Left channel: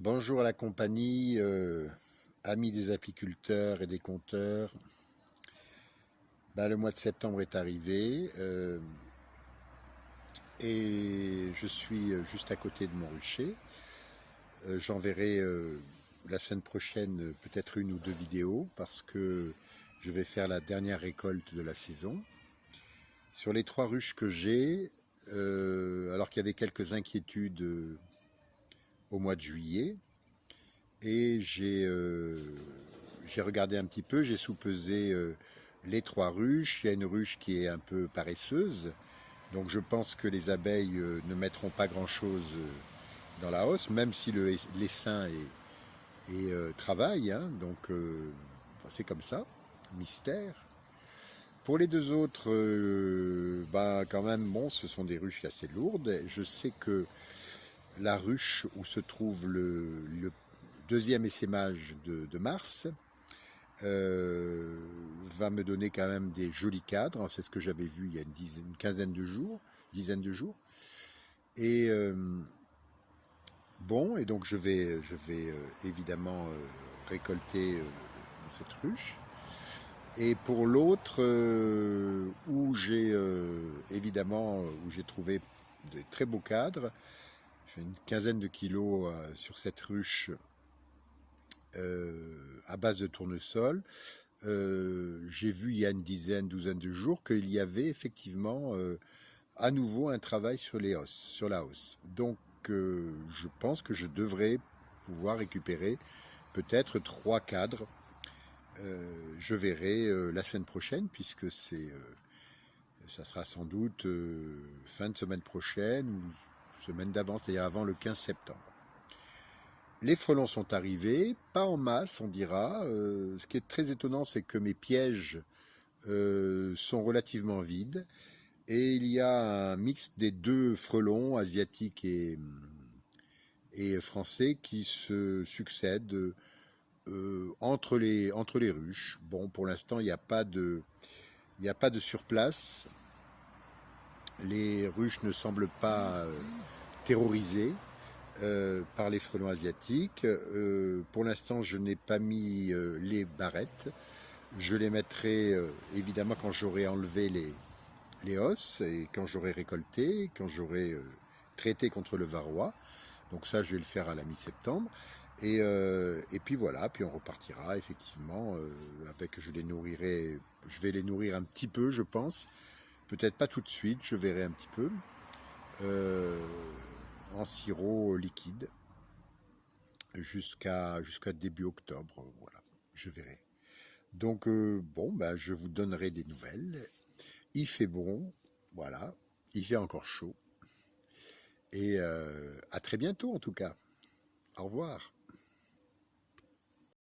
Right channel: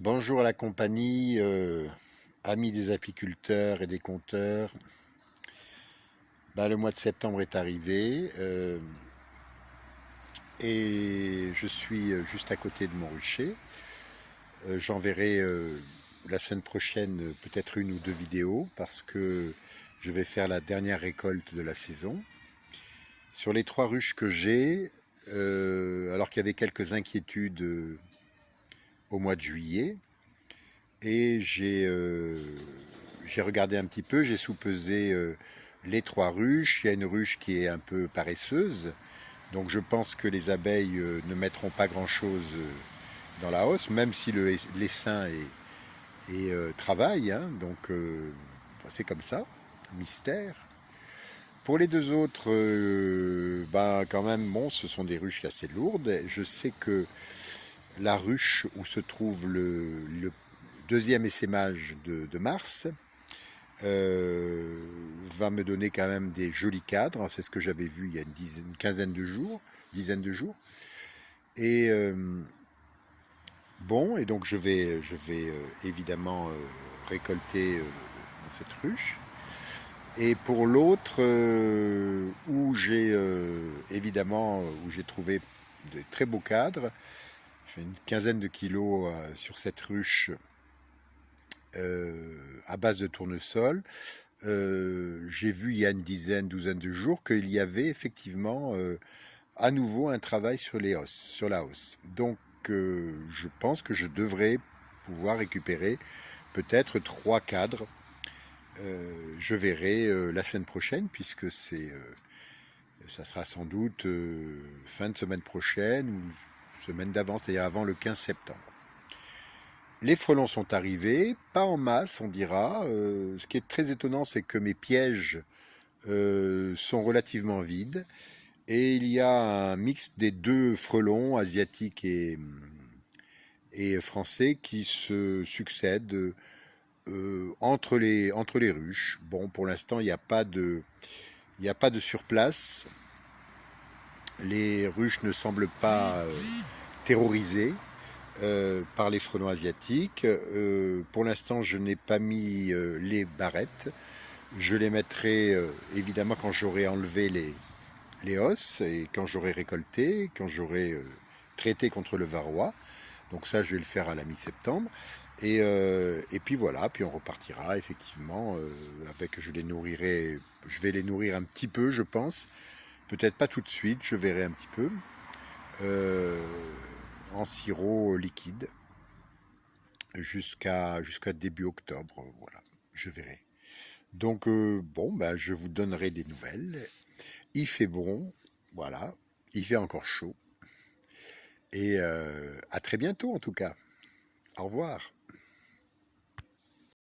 Bonjour à la compagnie, amis des apiculteurs et des compteurs. Le mois de septembre est arrivé et je suis juste à côté de mon rucher. J'enverrai la semaine prochaine peut-être une ou deux vidéos parce que je vais faire la dernière récolte de la saison. Sur les 3 ruches que j'ai, alors qu'il y avait quelques inquiétudes au mois de juillet, et j'ai regardé un petit peu, j'ai soupesé les 3 ruches. Il y a une ruche qui est un peu paresseuse, donc je pense que les abeilles ne mettront pas grand chose dans la hausse, même si l'essaim travaille, hein, donc c'est comme ça, mystère. Pour les 2 autres, quand même, bon, ce sont des ruches assez lourdes. Je sais que la ruche où se trouve le deuxième essaimage de mars va me donner quand même des jolis cadres. C'est ce que j'avais vu il y a une quinzaine de jours, dizaine de jours. Et et donc je vais évidemment récolter dans cette ruche. Et pour l'autre, où j'ai où j'ai trouvé de très beaux cadres, j'ai une quinzaine de kilos sur cette ruche à base de tournesol. J'ai vu il y a une douzaine de jours qu'il y avait effectivement à nouveau un travail sur la hausse. Donc je pense que je devrais pouvoir récupérer peut-être 3 cadres. Je verrai la semaine prochaine, puisque ça sera sans doute fin de semaine prochaine ou semaine d'avance, c'est-à-dire avant le 15 septembre. Les frelons sont arrivés, pas en masse on dira. Ce qui est très étonnant, c'est que mes pièges sont relativement vides. Et il y a un mix des 2 frelons, asiatiques et français, qui se succèdent entre les ruches. Bon, pour l'instant, il n'y a pas de surplace. Les ruches ne semblent pas terrorisées par les frelons asiatiques. Pour l'instant, je n'ai pas mis les barrettes. Je les mettrai évidemment quand j'aurai enlevé les os et quand j'aurai récolté, quand j'aurai traité contre le varroa. Donc ça, je vais le faire à la mi-septembre. Et puis voilà, puis on repartira effectivement avec, je vais les nourrir un petit peu, je pense. Peut-être pas tout de suite, je verrai un petit peu. En sirop liquide jusqu'à début octobre, voilà, je verrai. Donc je vous donnerai des nouvelles. Il fait bon, voilà, il fait encore chaud. Et à très bientôt en tout cas. Au revoir.